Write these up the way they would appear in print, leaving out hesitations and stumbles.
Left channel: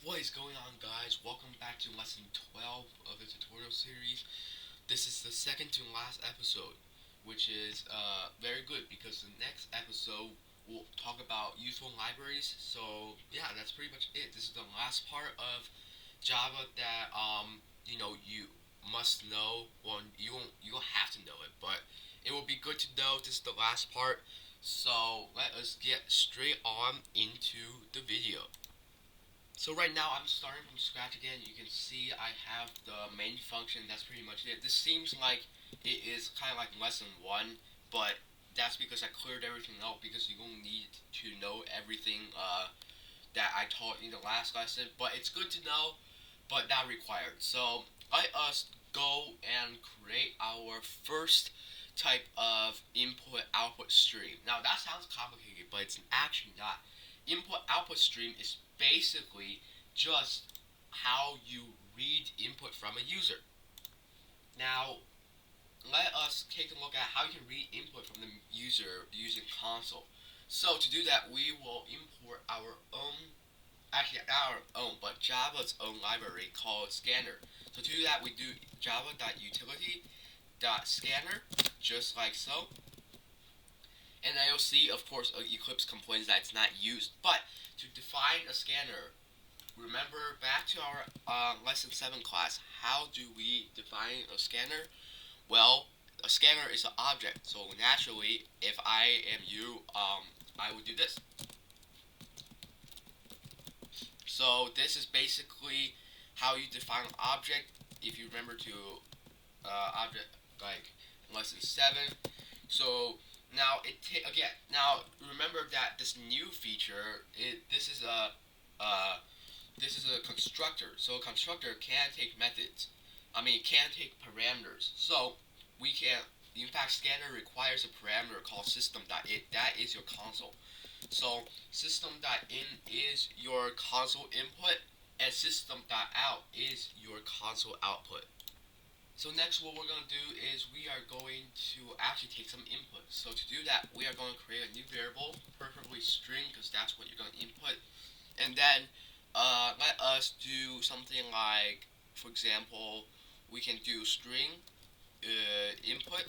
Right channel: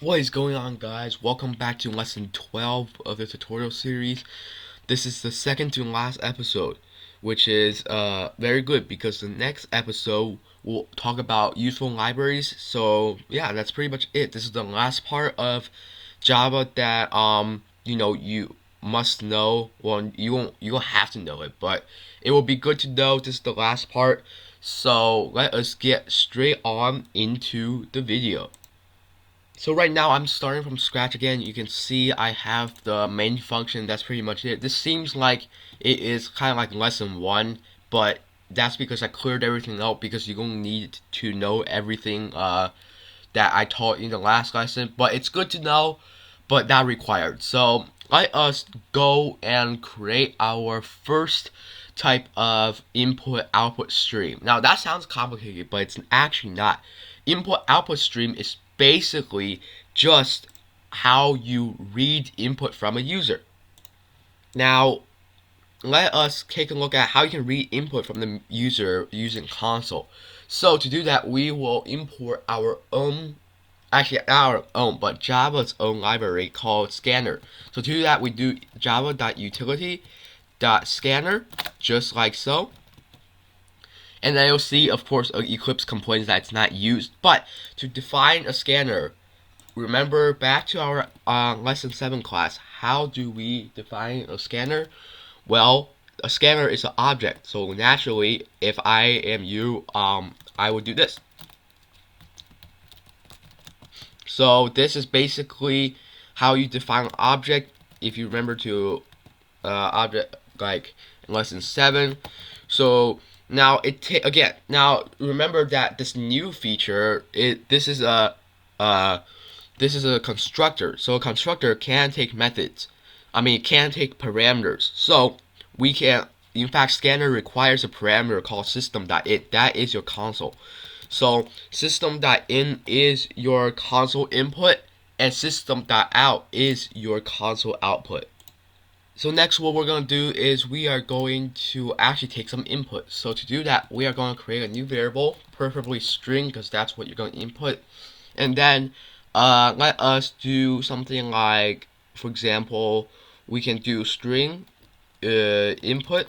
What is going on, guys? Welcome back to lesson 12 of the tutorial series. This is the second to last episode, which is very good because the next episode will talk about useful libraries. So yeah, that's pretty much it. This is the last part of Java that you must know. Well, you don't have to know it, but it will be good to know. This is the last part. So let us get straight on into the video. So right now I'm starting from scratch again. You can see I have the main function. That's pretty much it. This seems like it is kind of like lesson 1, but that's because I cleared everything out because you're going to need to know everything that I taught in the last lesson. But it's good to know, but not required. So let us go and create our first type of input output stream. Now that sounds complicated, but it's actually not. Input output stream is basically just how you read input from a user. Now, let us take a look at how you can read input from the user using console. So to do that, we will import our own, actually not our own, but Java's own library called scanner. So to do that, we do java.utility.scanner, just like so. And then you'll see, of course, Eclipse complains that it's not used. But to define a scanner, remember back to our lesson 7 class, how do we define a scanner? Well, a scanner is an object. So naturally, if I am you, I would do this. So this is basically how you define an object. If you remember to object like in lesson 7. So now again. Now remember that this new feature, uh, this is a constructor. So a constructor can take methods. I mean, it can take parameters. So we can. In fact, scanner requires a parameter called system.in. That is your console. So system.in is your console input, and system.out is your console output. So next what we're going to do is we are going to actually take some input. So to do that, we are going to create a new variable, preferably string, because that's what you're going to input. And then let us do something like, for example, we can do string input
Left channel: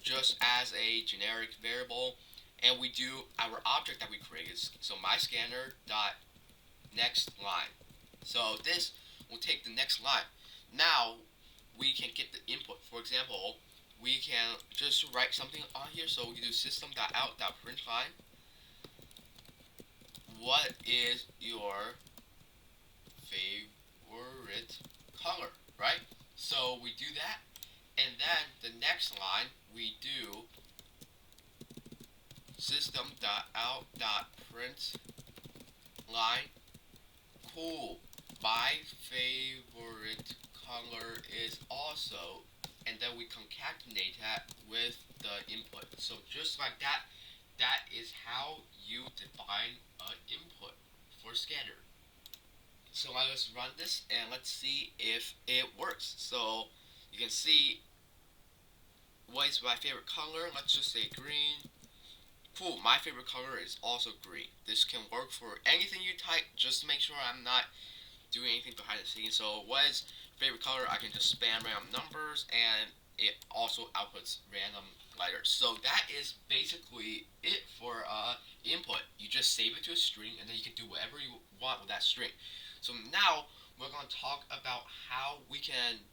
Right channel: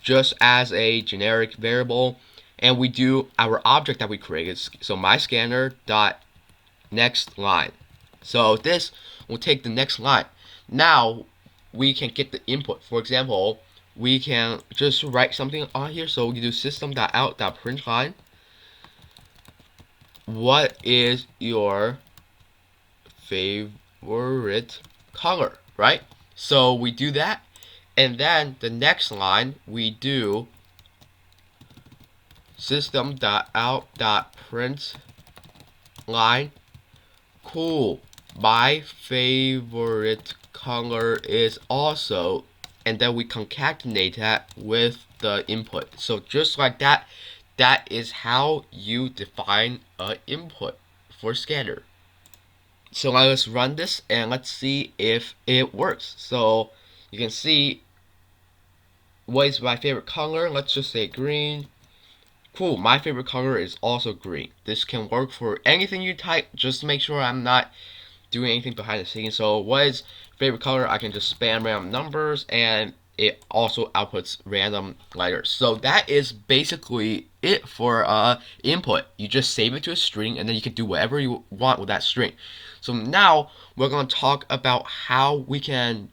just as a generic variable. And we do our object that we created. So my scanner dot next line. So this will take the next line. Now we can get the input. For example, we can just write something on here. So we do system.out.println. What is your favorite color, right? So we do that, and then the next line we do system.out.println. Cool. My favorite color is also, and then we concatenate that with the input. So just like that, that is how you define an input for scanner. So let's run this and let's see if it works. So you can see what is my favorite color. Let's just say green. Cool, my favorite color is also green. This can work for anything you type. Just make sure I'm not doing anything behind the scenes. So what is favorite color? I can just spam random numbers and it also outputs random letters. So that is basically it for input. You just save it to a string and then you can do whatever you want with that string. So now we're going to talk about how we can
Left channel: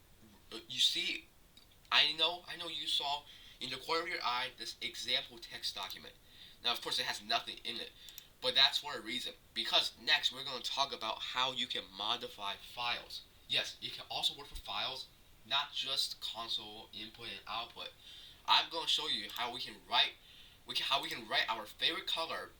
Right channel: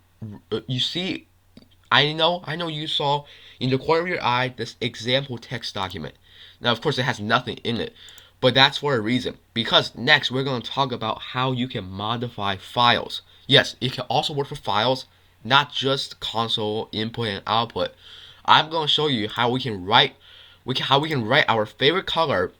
you see I know you saw in the corner of your eye this example text document. Now of course it has nothing in it, but that's for a reason. Because next we're going to talk about how you can modify files. Yes, it can also work for files, not just console input and output. I'm going to show you how we can write our favorite color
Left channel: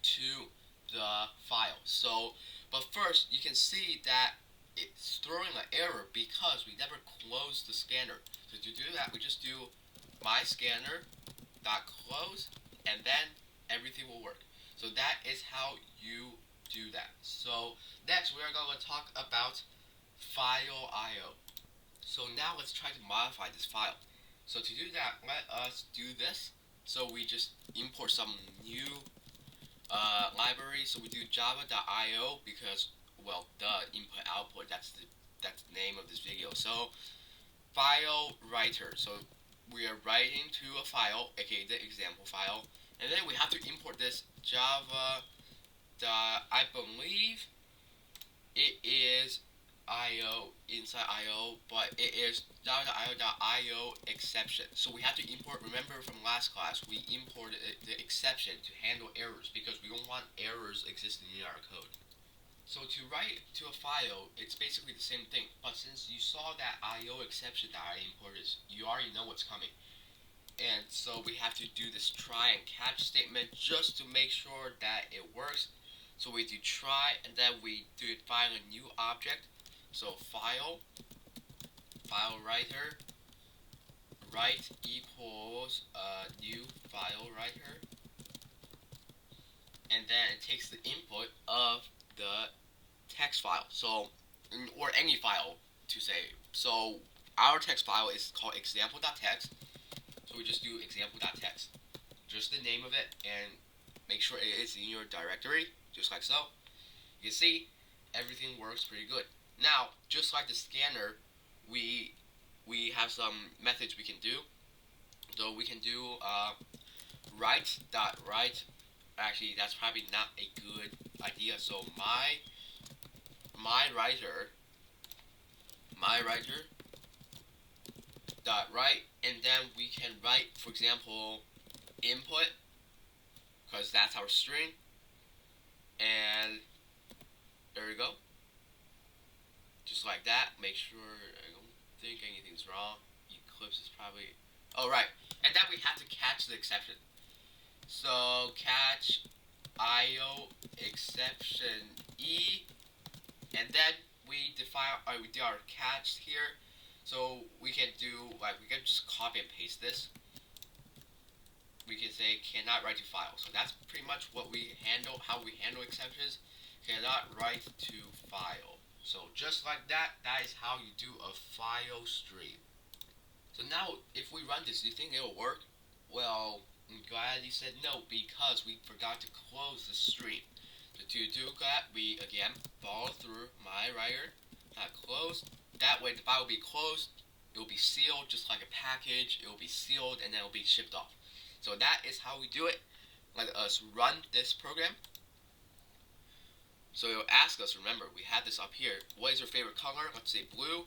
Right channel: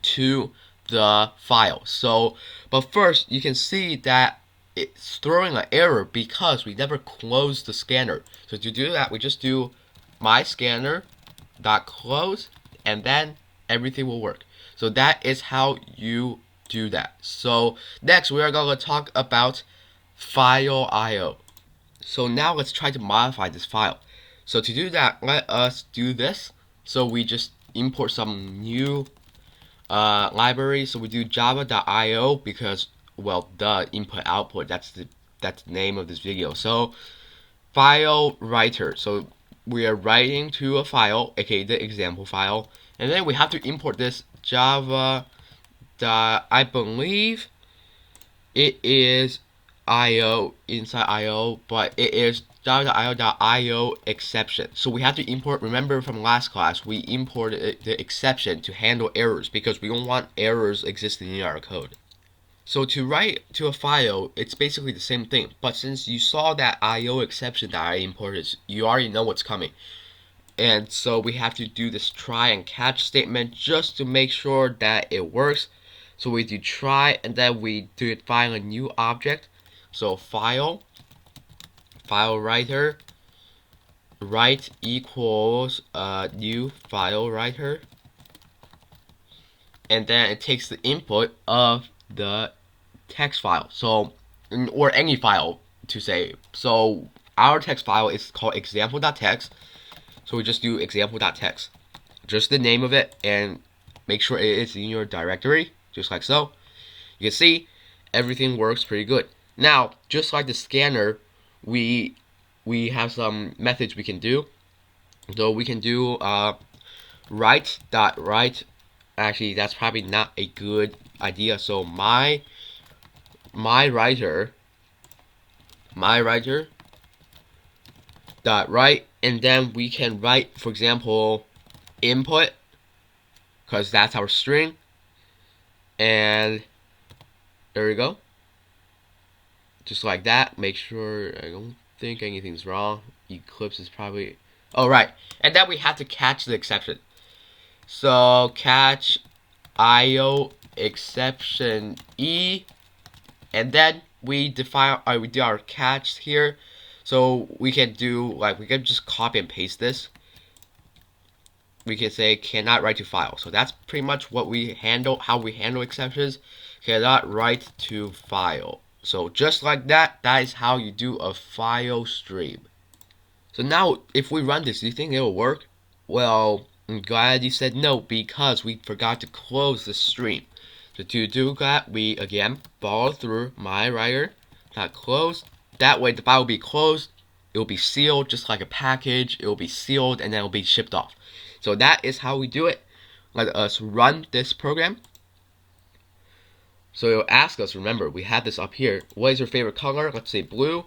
to the file. So, but first you can see that it's throwing an error because we never closed the scanner. So to do that, we just do my scanner dot close, and then everything will work. So that is how you do that. So next we are going to talk about file IO. So now let's try to modify this file. So to do that, let us do this. So we just import some new library. So we do java.io because well, the input output. That's the name of this video. So file writer. So we are writing to a file, aka the example file, and then we have to import this Java. I believe it is IO inside IO, but it is java.io.io exception. So we have to import. Remember from last class, we imported the exception to handle errors because we don't want errors existing in our code. So to write to a file, it's basically the same thing. But since you saw that IO exception that I imported, you already know what's coming. And so we have to do this try and catch statement just to make sure that it works. So we do try, and then we define a new object. So file writer, write equals new file writer, and then it takes the input of the text file. So, or any file to say. So our text file is called example.txt. So we just do example.txt, just the name of it, and make sure it is in your directory, just like so. You can see everything works pretty good. Now, just like the scanner, we have some methods we can do. So we can do write. Actually, that's probably not a good idea. So my writer dot write, and then we can write, for example, input, because that's our string, and there we go, just like that. Make sure I don't think anything's wrong. Eclipse is probably, oh right, and then we have to catch the exception. So catch IO exception E, and then we define we do our catch here. So we can do, like, we can just copy and paste this. We can say cannot write to file. So that's pretty much what we handle, how we handle exceptions. Cannot write to file. So just like that, that is how you do a file stream. So now if we run this, do you think it will work? Well, I'm glad you said no, because we forgot to close the stream. So to do that, we again follow through my writer, not close. That way the file will be closed, it will be sealed just like a package, it will be sealed, and then it will be shipped off. So that is how we do it. Let us run this program. So it will ask us, remember, we have this up here, what is your favorite color? Let's say blue.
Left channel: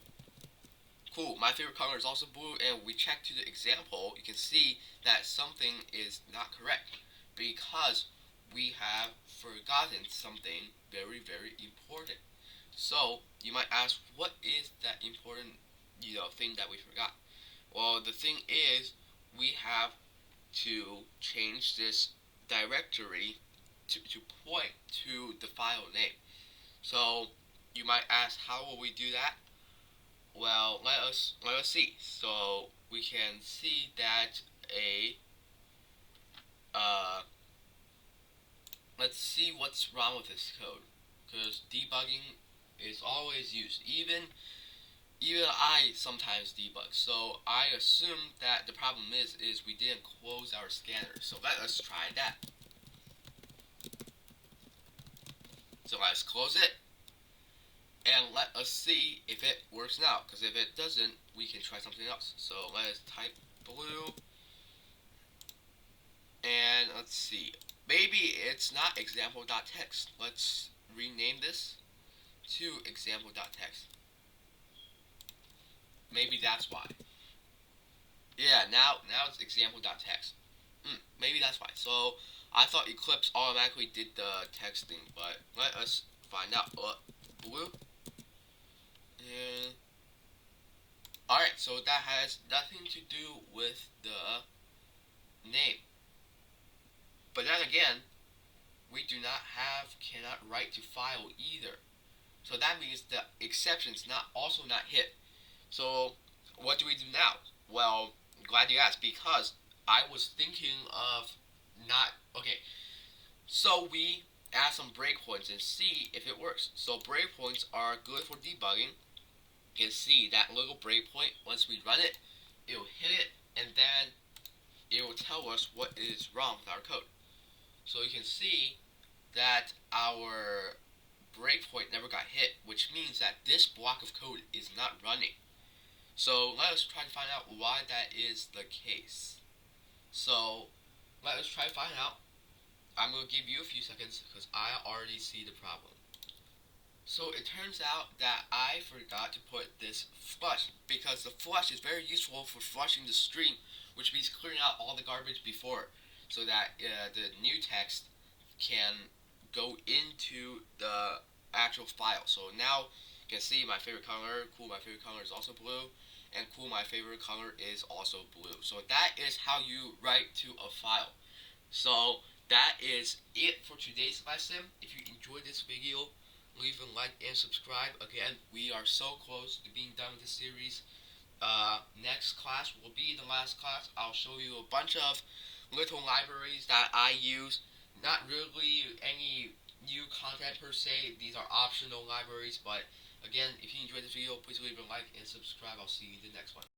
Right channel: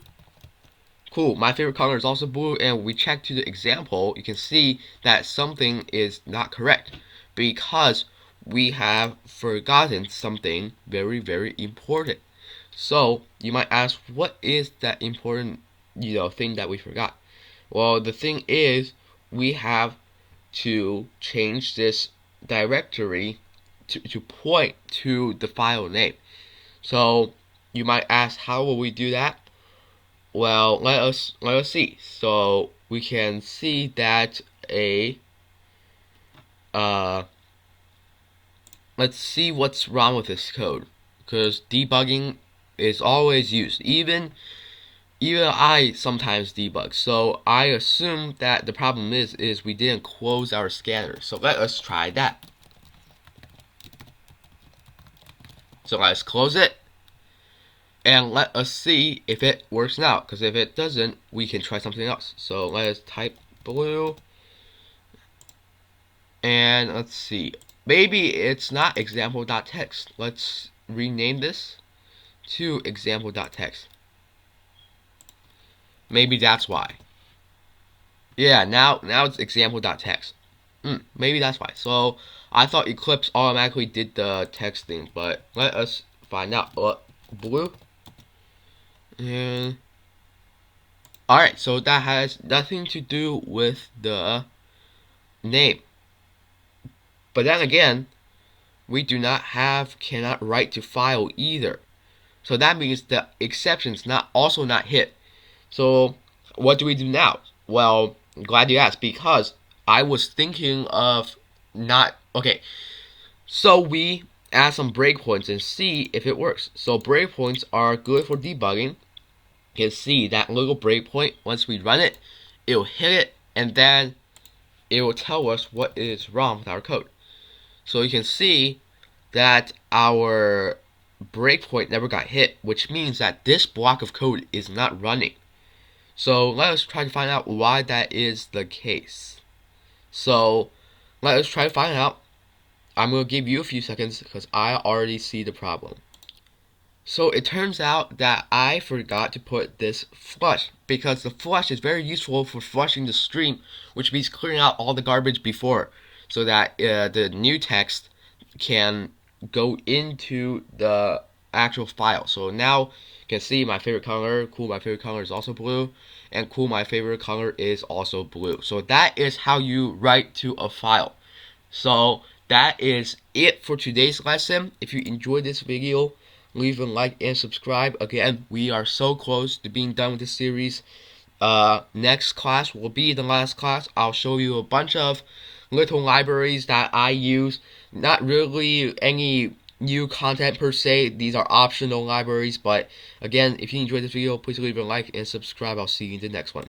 Cool, my favorite color is also blue, and we check to the example, you can see that something is not correct because we have forgotten something very, very important. So you might ask, what is that important, thing that we forgot? Well, the thing is, we have to change this directory to point to the file name. So you might ask, how will we do that? Well, let us see. So we can see that let's see what's wrong with this code, because debugging is always used. Even I sometimes debug. So I assume that the problem is we didn't close our scanner. So let us try that. So let's close it, and let us see if it works now, because if it doesn't, we can try something else. So let's type blue, and let's see, maybe it's not example.txt. Let's rename this to example.txt. Maybe that's why. Yeah, now it's example.txt. Maybe that's why. So I thought Eclipse automatically did the texting, but let us find out. Blue. And alright, so that has nothing to do with the name. But then again, we do not have cannot write to file either. So that means the exception's also not hit. So what do we do now? Well, I'm glad you asked, because I was thinking of not, okay, so we add some breakpoints and see if it works. So breakpoints are good for debugging. You can see that little breakpoint, once we run it, it will hit it, and then it will tell us what is wrong with our code. So you can see that our breakpoint never got hit, which means that this block of code is not running. So let us try to find out why that is the case. So let us try to find out. I'm going to give you a few seconds because I already see the problem. So it turns out that I forgot to put this flush, because the flush is very useful for flushing the stream, which means clearing out all the garbage before, so that the new text can go into the actual file. So now you can see my favorite color, cool, my favorite color is also blue, and cool, my favorite color is also blue. So that is how you write to a file. So that is it for today's lesson. If you enjoyed this video, leave a like and subscribe. Again, we are so close to being done with this series. Next class will be the last class. I'll show you a bunch of little libraries that I use. Not really any new content per se. These are optional libraries. But again, if you enjoyed this video, please leave a like and subscribe. I'll see you in the next one.